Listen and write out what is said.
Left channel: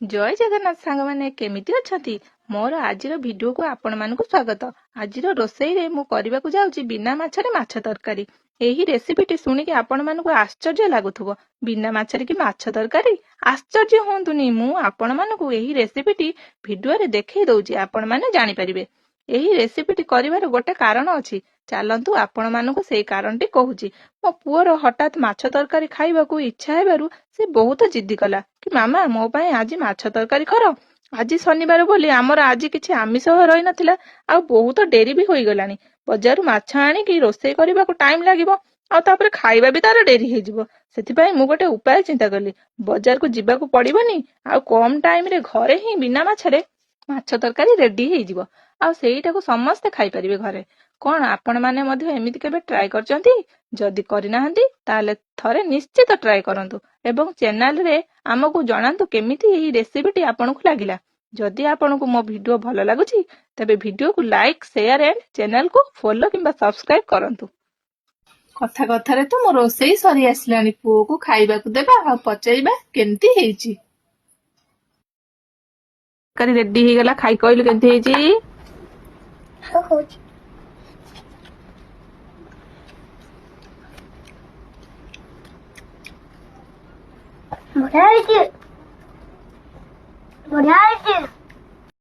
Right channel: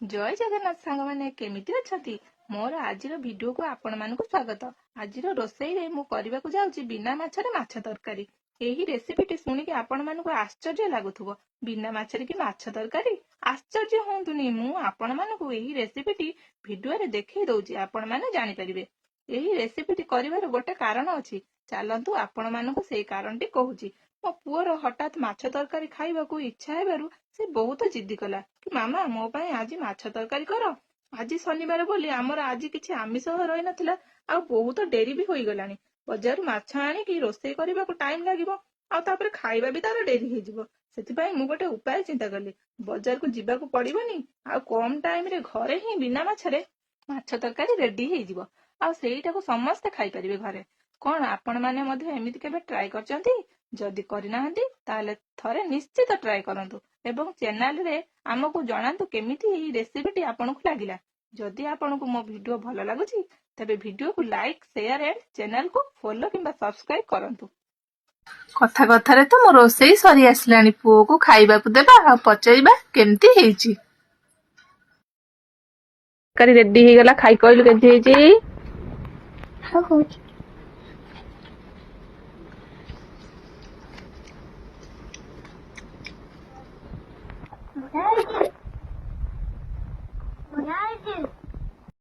ଜୟ ଜଗନ୍ନାଥ ସାଙ୍ଗମାନେ କେମିତି ଅଛନ୍ତି? ମୋର ଆଜିର ଭିଡିଓକୁ ଆପଣମାନଙ୍କୁ ସ୍ୱାଗତ। ଆଜିର ରୋଷେଇରେ ମୁଁ କରିବାକୁ ଯାଉଛି ବିନା ମାଛରେ ମାଛ ତରକାରୀ। ଏହି ରେସିପିଟି ଶୁଣିକି ଆପଣମାନଙ୍କୁ ଆଶ୍ଚର୍ଯ୍ୟ ଲାଗୁଥିବ। ବିନା ମାଛରେ କି ମାଛ ତରକାରୀ? ଆଶ୍ଚର୍ଯ୍ୟ ହୁଅନ୍ତୁନି, ମୁଁ ଆପଣମାନଙ୍କୁ ଏହି ରେସିପିଟି ଭିଡିଓରେ ଦେଖେଇ ଦଉଛି, ଆପଣମାନେ ଜାଣିପାରିବେ। ଏହି ରେସିପିଟି କରିବାର ଗୋଟେ କାରଣ ଅଛି। ଚାଲନ୍ତୁ ଆପଣମାନଙ୍କୁ ସେଇ କାରଣଟି କହୁଛି। ମୋ ପୁଅର ହଠାତ୍ ମାଛ ତରକାରୀ ଖାଇବାକୁ ଇଚ୍ଛା ହେବାରୁ ସେ ବହୁତ ଜିଦ୍ଦି କଲା କି ମାମା ମୋ ପାଇଁ ଆଜି ମାଛ ତରକାରୀ କର। ଆଜି ଶନିବାର ବୋଲି ଆମର ଆଜି କିଛି ଆମିଷ ରହିନଥିଲା, ଆଉ ବହୁତ ଡେରି ବି ହୋଇଗଲାଣି। ବଜାରରୁ ମାଛ ଆଣିକି ରୋଷେଇ କରିବାକୁ ଟାଇମ ଲାଗିବ, ଆଉ ତାପରେ ଖାଇବା ବି ତାର ଡେରି ହେଇଯିବ। ସେଥିପାଇଁ ମୁଁ ଗୋଟେ ଉପାୟ ଚିନ୍ତା କଲି। ବଜାରକୁ ଯିବାକୁ ପଡିବନି, ଆଉ କମ ଟାଇମରେ ଘରେ ହିଁ ବିନା ମାଛରେ ମାଛ ତରକାରୀ ରେଡି ହେଇଯିବ, ଆଉ ସେଇଟାକୁ ସମସ୍ତେ ଖାଇପାରିବେ ଘରେ। କଣ ଆପଣମାନେ ମଧ୍ୟ ଏମିତି କେବେ ଟ୍ରାଏ କରିଛନ୍ତି? ଯଦି କରିନାହାନ୍ତି ତାହେଲେ ଥରେ ନିଶ୍ଚିତ ଟ୍ରାଏ କରନ୍ତୁ ଏବଂ ଚ୍ୟାନେଲରେ ଆମକୁ ଜଣାନ୍ତୁ କେମିତି ଏହି ରେସିପିଟି ଆପଣଙ୍କୁ ଲାଗିଲା। ଯଦି ଆପଣଙ୍କୁ ମୋ ଭିଡିଓ ଭଲ ଲାଗୁଛି ତେବେ ଭିଡିଓକୁ ଲାଇକ୍, ସେୟାର ଏଣ୍ଡ ଚ୍ୟାନେଲକୁ ଫଲୋ କିମ୍ବା ସବସ୍କ୍ରାଇବ କରନ୍ତୁ। କଥା କଥାରେ ତ ମୋ ରୋଷେଇ ସରି ଆସିଲାଣି। ପୁଅକୁ ଖାଇବାକୁ ଦେବା ଆଉ ପଚାରିବା କେମିତି ହେଇଛି। ତରକାରୀ ରେଡି ହେଇଗଲା, ଖାଇ କହିଲୁ କେମିତି ହେଇଛି? ବଢିଆ ହେଇଛି।